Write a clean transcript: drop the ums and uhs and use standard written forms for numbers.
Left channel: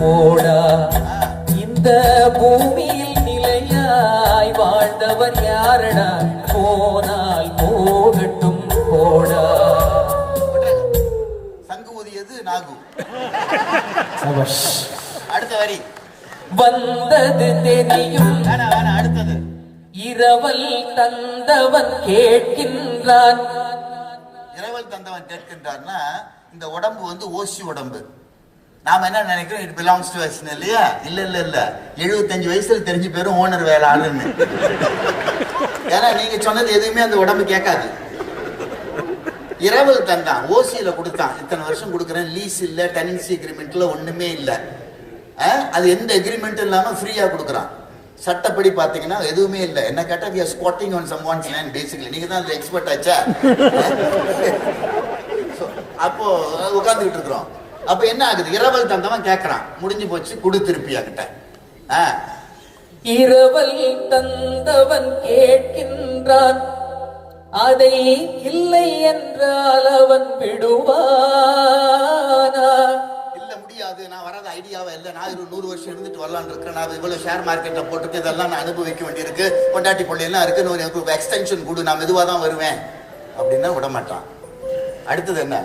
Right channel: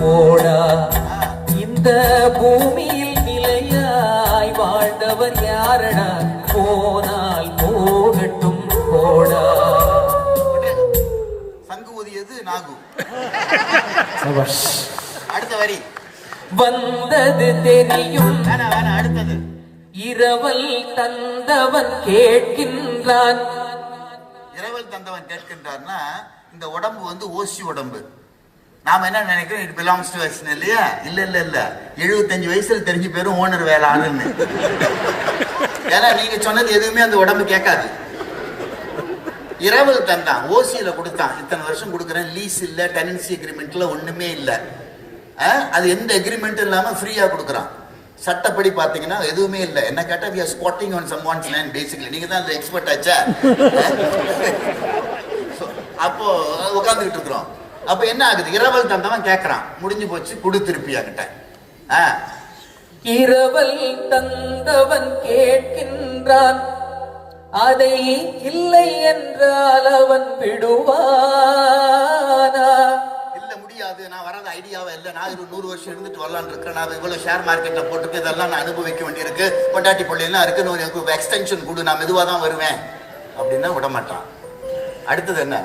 போடா. இந்த பூமியில் நிலையாய் வாழ்ந்தவர் யாரடா? போனால் போகட்டும் போடா. சங்கு ஊதியது நாகு. அடுத்த வரி வந்தது தெரியும். அடுத்தது இரவல் தந்தவன் கேட்கின்றான். இரவல் தந்தவன் கேட்கின்றான்னா இந்த உடம்பு வந்து ஓசி உடம்பு. நாம என்ன நினைக்கிறோம், இட் பிலாங்ஸ் டு அஸ் இல்லையா? இல்ல இல்ல இல்ல, 75 வயசுல தெரிஞ்சு பேரும் ஓனர் வேலை ஆளுன்னு. ஏன்னா நீங்க சொன்னது எதுவுமே அந்த உடம்பு கேட்காது. இரவல் தந்தான், ஓசியில கொடுத்தான், இத்தனை வருஷம் கொடுக்குறேன், லீஸ் இல்ல, டெனன்சி அக்ரிமெண்ட்ல ஒண்ணுமே இல்ல. அது எந்த அக்ரிமெண்ட் இல்லாம ஃப்ரீயா கொடுக்குறான். சட்டப்படி பாத்தீங்கன்னா எதுவுமே இல்லை. என்ன கேட்டா we are squatting on someone's land basically. நீங்க தான் அந்த எக்ஸ்பர்ட் ஆச்சா. அப்போ உட்கார்ந்துகிட்டு இருக்கிறோம். அப்ப என்ன ஆகுது, இரவல் தந்தவன் கேட்கறான், முடிஞ்சு போச்சு, குடு திருப்பியா கிட்ட. இரவல் தந்தவன் கேட்கின்றான், அதை இல்லை என்றால் அவன் விடுவானா? இல்ல முடியாது, நான் வராத ஐடியாவே இல்லை, நான் 100 வருஷம் இருந்துட்டு வரலான்னு இருக்கிறேன், நான் இவ்வளவு ஷேர் மார்க்கெட்ல போட்டுட்டு இதெல்லாம் நான் அனுபவிக்க வேண்டியிருக்கு, கொண்டாட்டி பள்ளியெல்லாம் இருக்குன்னு எனக்கு எக்ஸ்டென்ஷன் கொடு, நான் மெதுவா தான் வருவேன் அப்படின்னா விட மாட்டான். அடுத்தது என்ன,